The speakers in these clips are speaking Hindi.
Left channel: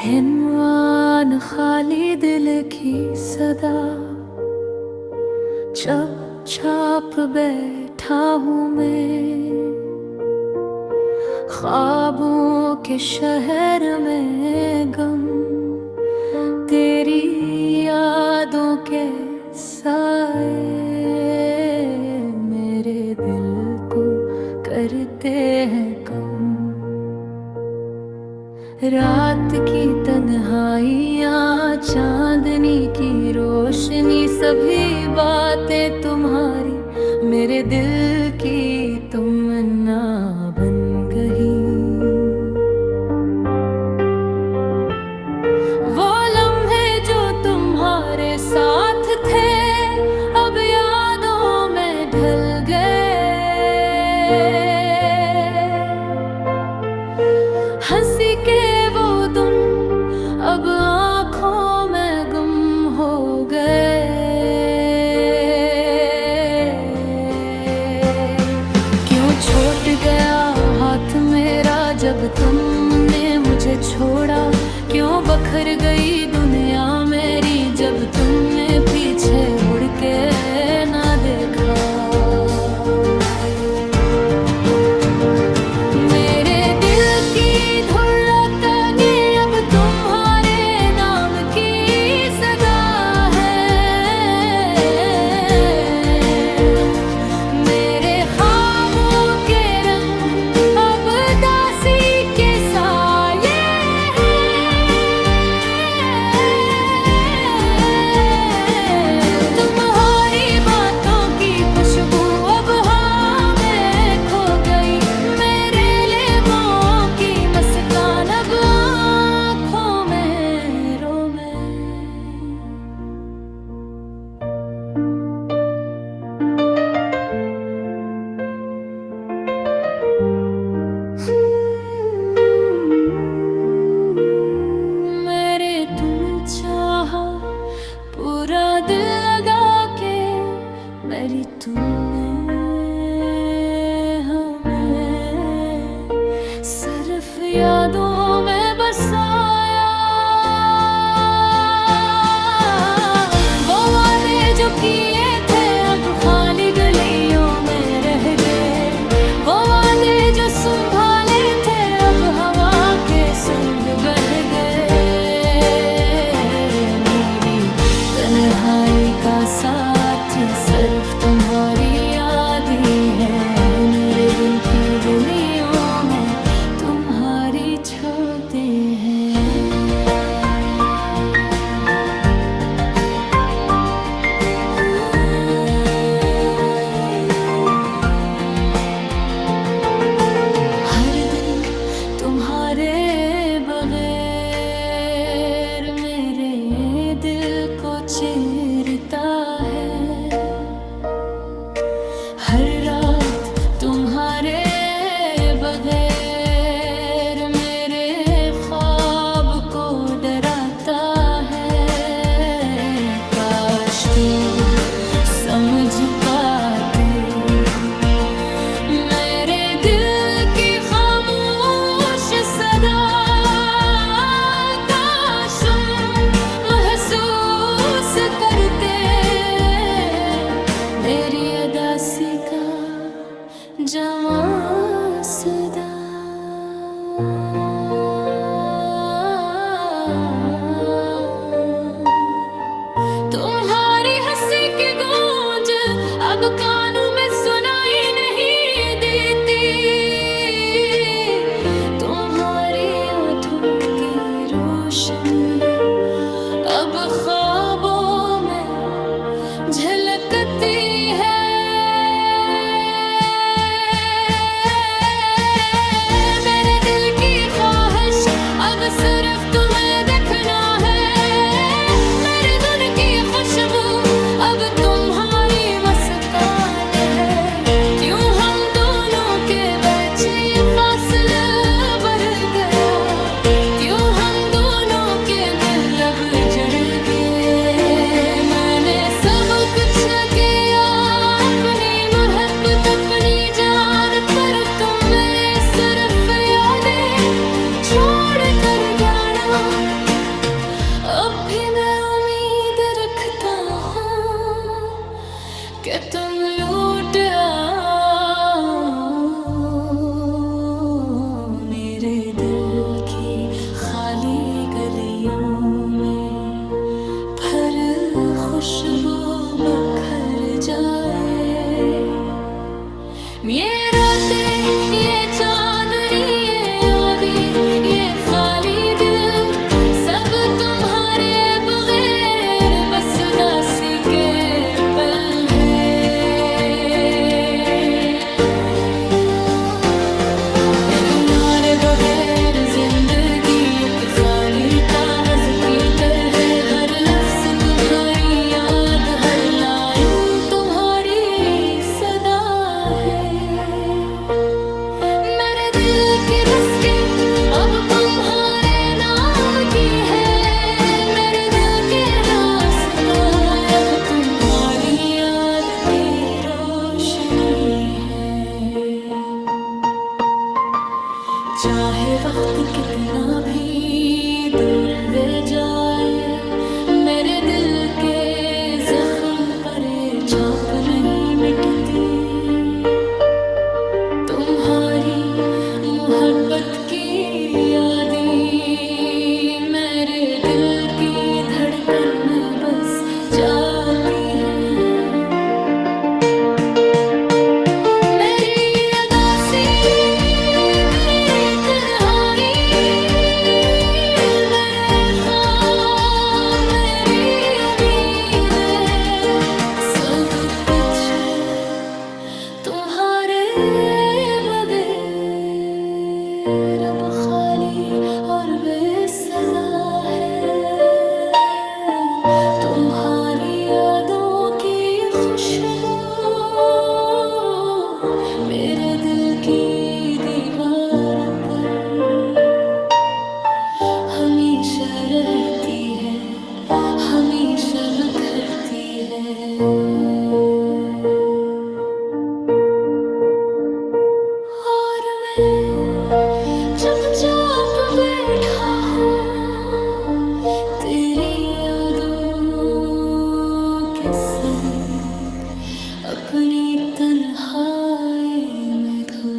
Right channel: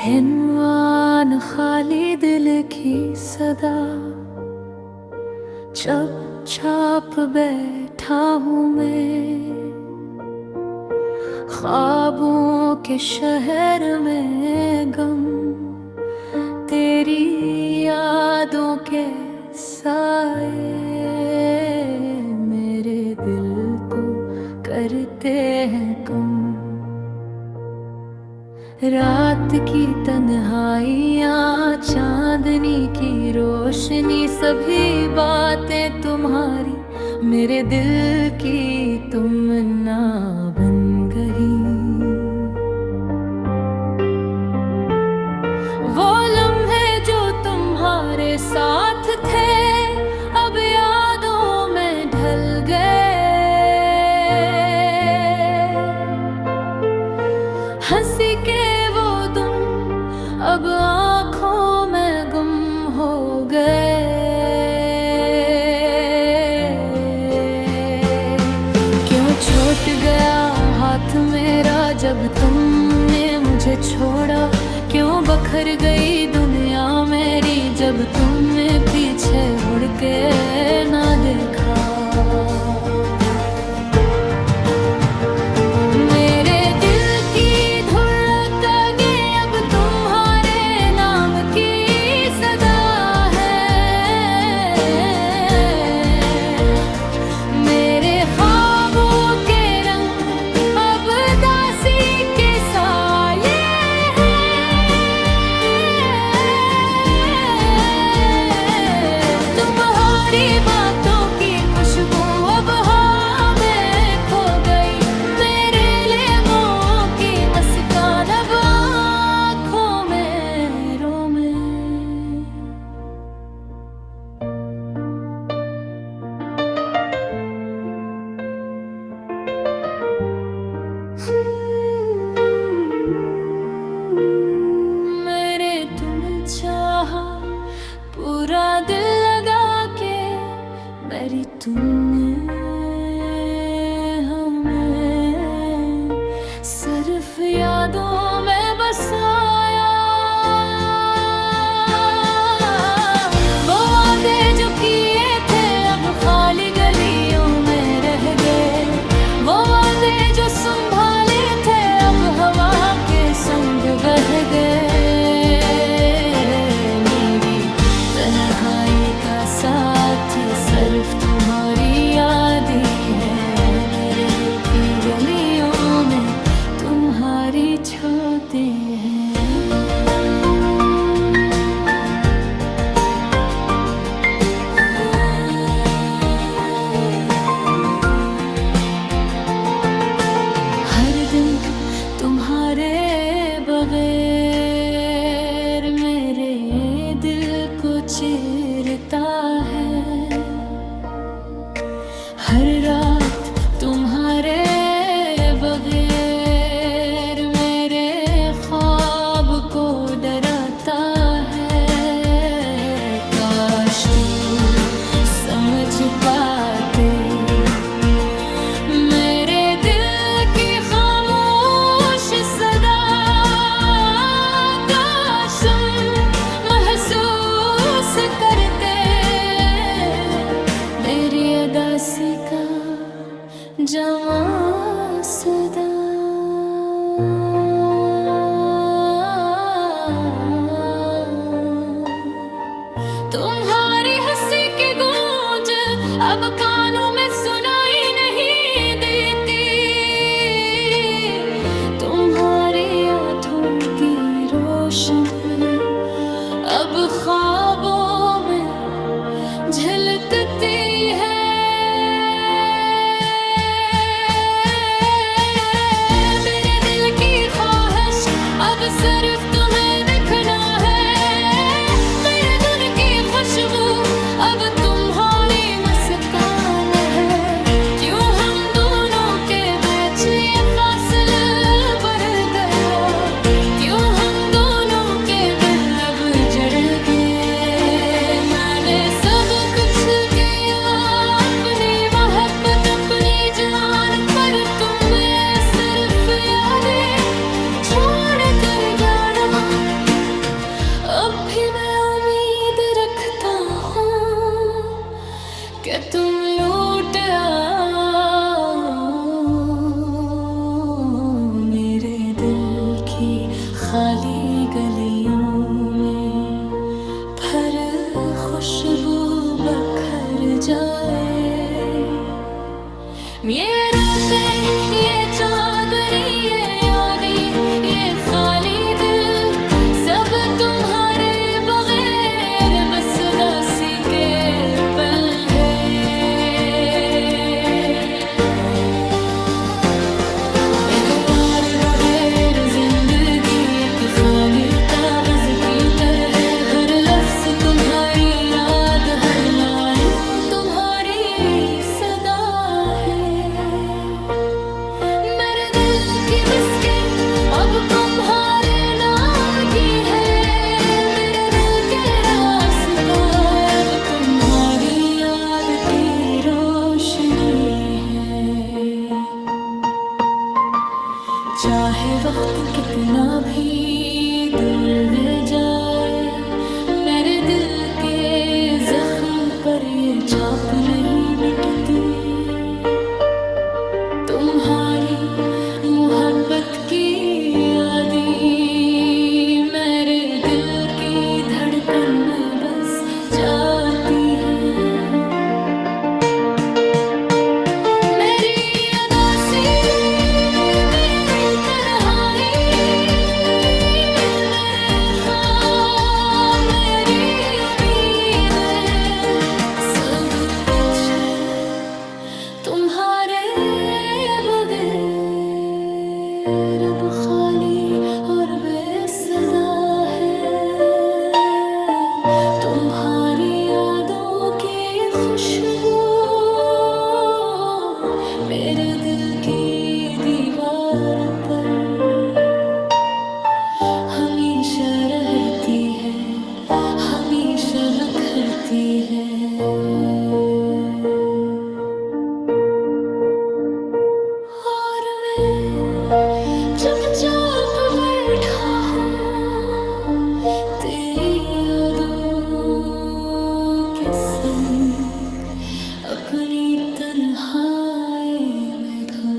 हिनवान खाली दिल की सदा, चुपचाप बैठा हूँ मैं ख्वाबों के शहर में, गम तेरी यादों के साए मेरे दिल को करते हैं कम। रात की तन्हाइयाँ, चांदनी की रोशनी, सभी बातें तुम्हारी मेरे दिल की तमन्ना बन गई। वो लम्हे जो तुम्हारे साथ थे अब यादों में ढल गए। हंसी के वो दिन अब आँखों में गुम हो गए। क्यों छूट गया हाथ मेरा जब तुमने मुझे छोड़ा, क्यों बखर गई दुनिया मेरी जब तुमने पीछे मुड़ के ना देखा। मेरे दिल की धड़कनें अब तुम्हारे नाम की सदा है। मेरे ख्वाबों के रंग अब दासी के साये पूरा दिल लगा के मेरी तुमने हमें सिर्फ यादों में बसाया। वो वादे जो किए थे अब खाली गलियों में रह गए। वो वादे जो संभाले थे अब हवा के संग बह गए। तन्हाई का साथी सिर्फ तुम्हारी यादें हैं। मेरे दिल की गलियों में तुम्हारी छातें हैं। हर दिन तुम्हारे बगैर मेरे दिल को चीरता है। हर रात तुम्हारे बगैर मेरे ख्वाब को डराता है। काश तू समझ पाते मेरे दिल की खामोश सदा। काश महसूस करते मेरी अदासी का जवां सदा। तुम्हारी हंसी की गूंज अब कानों में सुनाई नहीं देती। तुम्हारी आँखों की रोशनी अब ख्वाबों में झलकती है। मेरे दिल की ख्वाहिश अब सिर्फ तुम्हें देखना है। मेरे धुन की खुशबू अब तुम्हारी मुस्कान है। क्यों हम दोनों के बीच ये फासला बढ़ गया। क्यों हम दोनों के दिल अब जड़ गए। मैंने सब कुछ किया भी मैं उम्मीद रखता हूँ कि तुम लौट आओ मेरे दिल की खाली गलियों में, भर खुशबू बखर जाए। ये रातें, ये चांदनी, ये यादें, ये खाली दिल, सब तुम्हारे बगैर बस दासी के पल है। बगैर जिंदगी एक खाली कागज की तरह, हर लफ्ज तुम्हारी याद, हर लाइन तुम्हारी सदा है। मेरे दिल की बस्ती अब तुम्हारे नाम की है, मेरे दिल के रास्ता अब तुम्हारी याद की रोशनी है। चाहे वक्त कितना भी दूर ले जाए, मेरे दिल के जख्म पर ये छाप नहीं मिटती। तुम्हारी मोहब्बत की यादें मेरे दिल की धड़कन में बस जाती हैं। तुम्हारे बगैर अब खाली और बेसदा है। तुम्हारी यादों की खुशबू मेरे दिल की दीवार पर हमेशा रहती है, हमेशा बिखरती है। चुपचाप बैठा हूँ तेरी यादों के संग, अपनी तन्हाई में खो।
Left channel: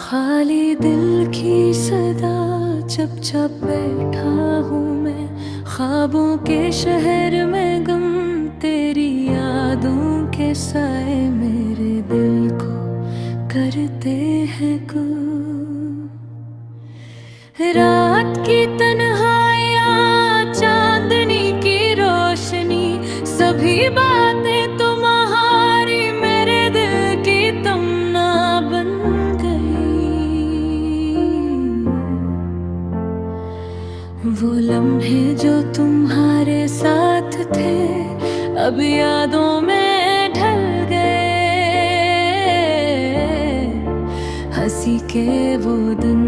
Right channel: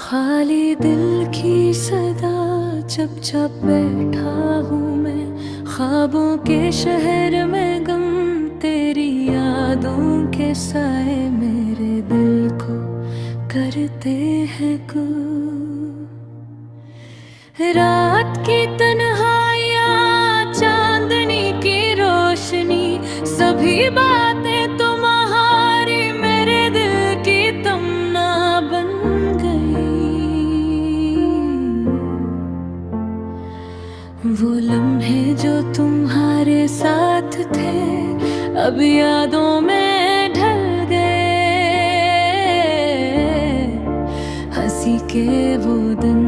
खाली दिल की सदा चुपचाप बैठा हूँ मैं, ख्वाबों के शहर में गम तेरी यादों के साए मेरे दिल को करते हैं को। रात की तन्हाइयाँ, चांदनी की रोशनी, सभी बातें तुम्हारी मेरे दिल की तमन्ना बन वो लम्हे जो तुम्हारे साथ थे अब यादों में ढल गए। हंसी के वो दिन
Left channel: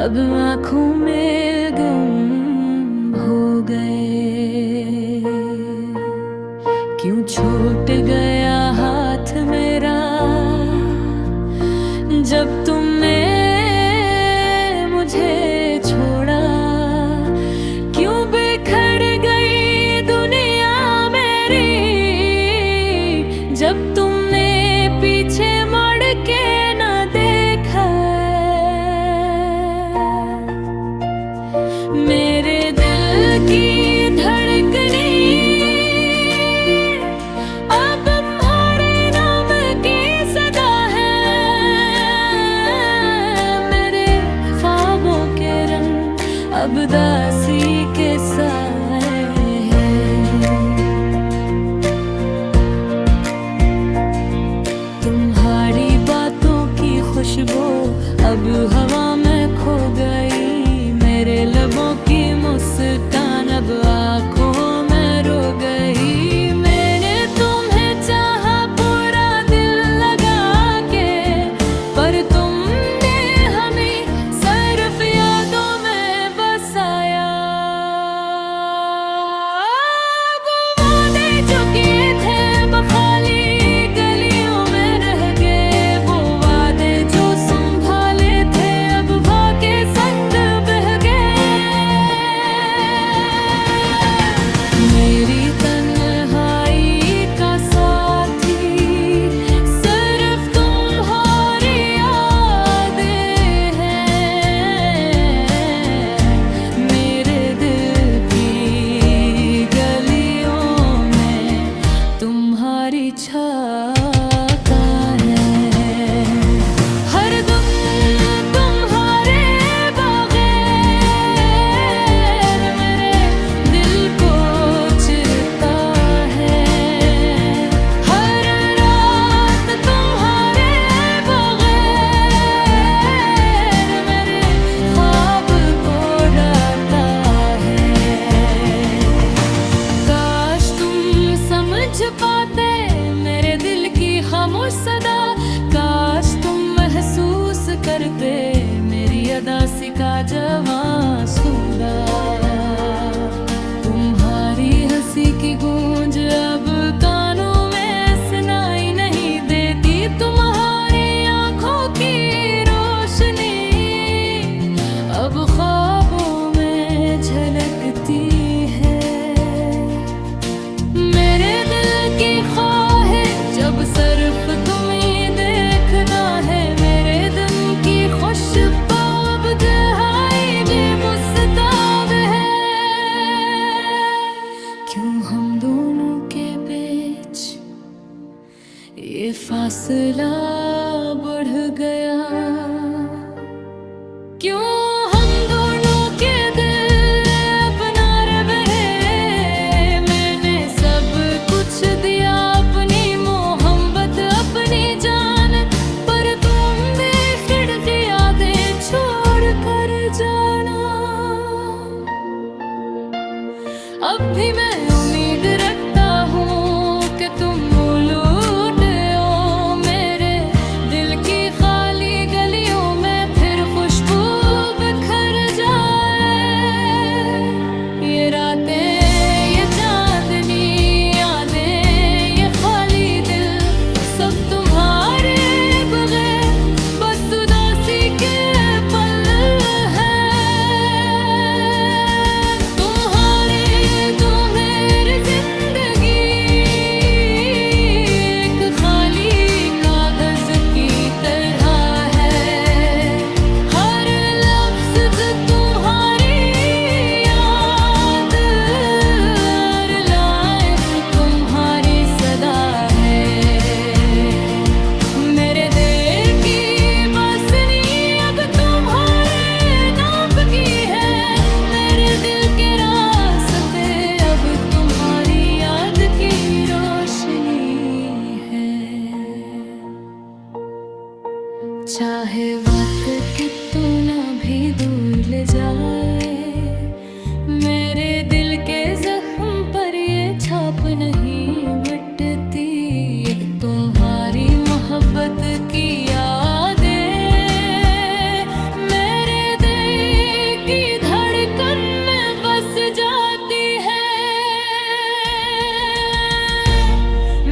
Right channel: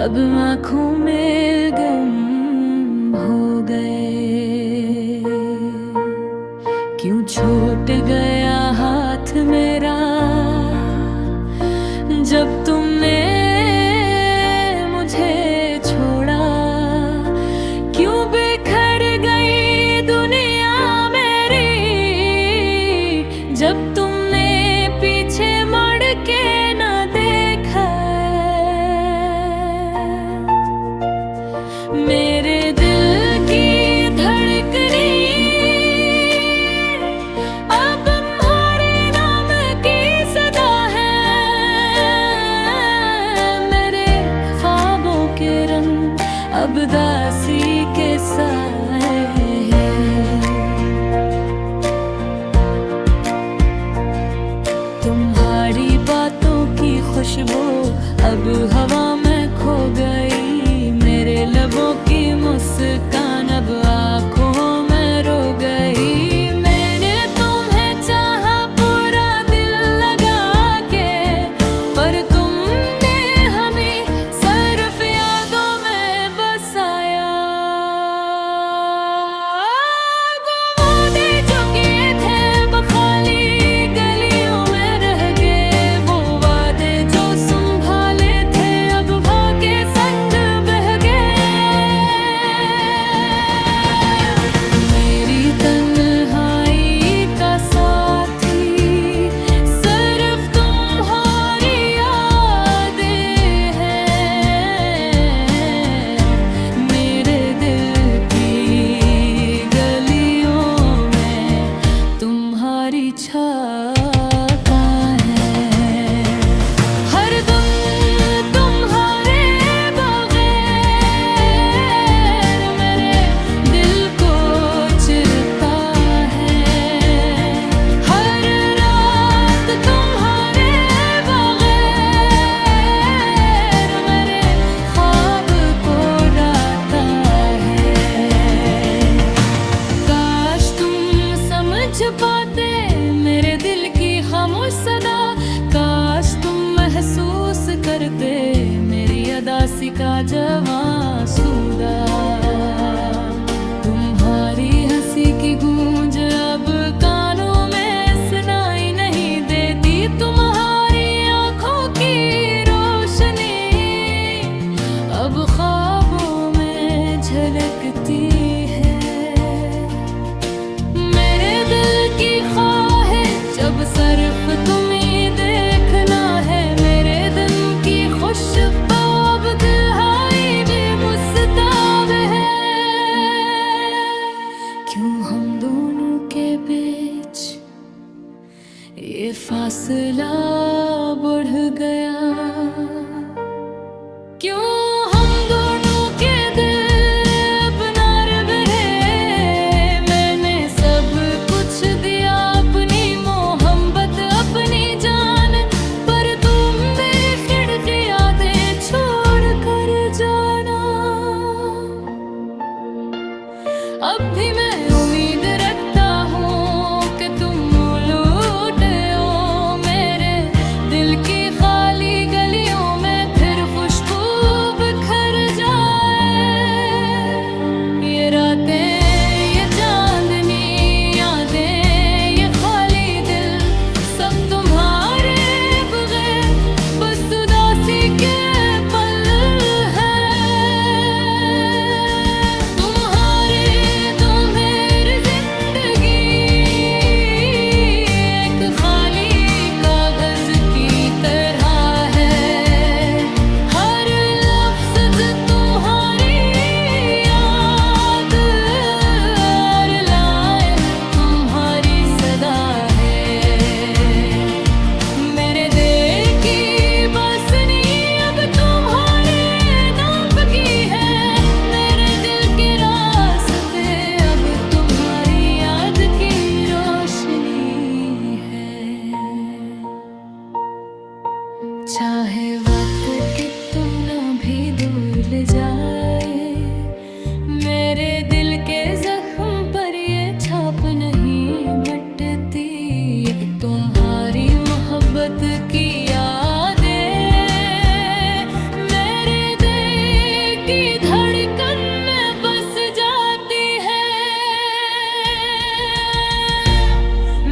अब आँखों में गम हो गए। क्यों छूट गया हाथ मेरा जब तुमने मुझे छोड़ा। क्यों बिखर गई दुनिया मेरी जब तुमने पीछे मुड़ के न देखा। मेरे दिल की धड़कनी अब तुम्हारे नाम की सदा है। मेरे ख्वाबों के रंग अब दासी के साए हैं। तुम्हारी बातों की खुशबू अब हवा में खो गई। मेरे लबों की मुस्कान अब आँखों में रो गई। मैंने तुम्हें चाहा पूरा दिल लगा के, पर तुमने हमें सिर्फ यादों में बसा अदासी का जवां सूदा। तुम्हारी हंसी की गूंज अब कानों में सुनाई नहीं देती, तुम्हारी आंखों की रोशनी अब ख्वाबों में झलकती है। मेरे दिल की ख्वाहिश जब सिर्फ तुम्हें देखना है, मेरे दिन की खुशबू अब दिहाई भी मुस्ताब है। क्यों हम दोनों के बीच ये फासला बढ़ गया? क्यों हम दोनों के दिल अपना रहे? मैंने सब कुछ दिया, अपनी मोहब्बत अपनी जान, पर तुम भी खिड़कियां दे छोड़ कर जाना। अब भी मैं उम्मीद रखता हूँ कि तुम लौट आओ मेरे दिल की खाली गलियों में, फिर खुशबू बिखर जाए। ये रातें, ये चांदनी यादें, ये खाली दिल, सब तुम्हारे बगैर बस उदासी के पल है। तुम्हारी तो मेरी जिंदगी एक खाली कागज की तरह है। हर लफ्ज तुम्हारी याद, हर लाइन तुम्हारी सदा है। मेरे दिल की बसनी अब तुम्हारे नाप की है, मेरे दिल के रास्ते अब तुम्हारी याद की रोशनी है। चाहे वक्त कितना भी दूर ले जाए, मेरे दिल के जख्म पर ये छाप नहीं मिटती। ये तुम्हारी मोहब्बत की यादें मेरे दिल की धड़कन में बस जाती है।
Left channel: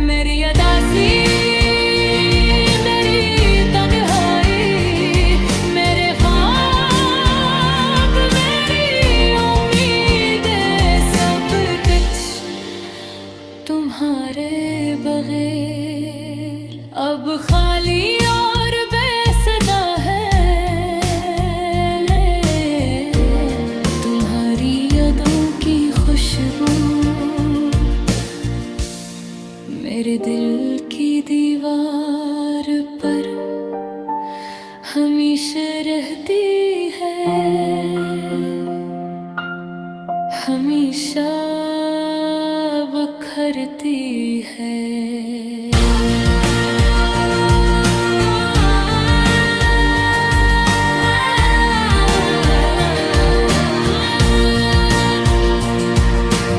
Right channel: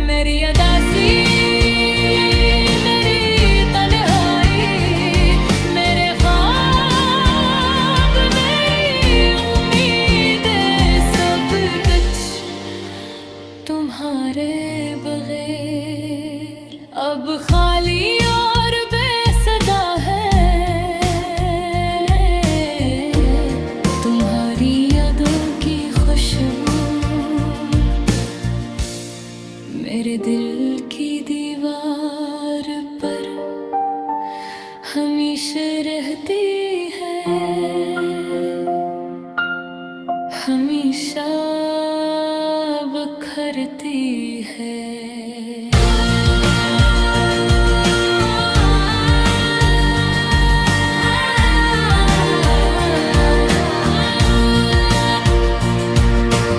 मेरी अदासी, मेरी तन्हाई, मेरे ख्वाब, मेरी उम्मीदें, सब कुछ तुम्हारे बगैर अब खाली और बेसदा है। तुम्हारी यादों की खुशबू मेरे दिल की दीवार पर हमेशा रहती है, हमेशा बिखरती है।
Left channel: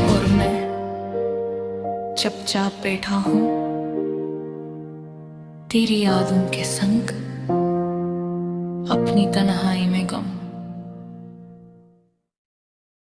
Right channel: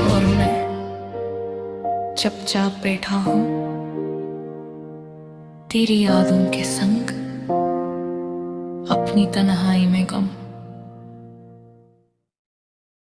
और मैं चुपचाप बैठा हूँ तेरी यादों के संग, अपनी तन्हाई में गम।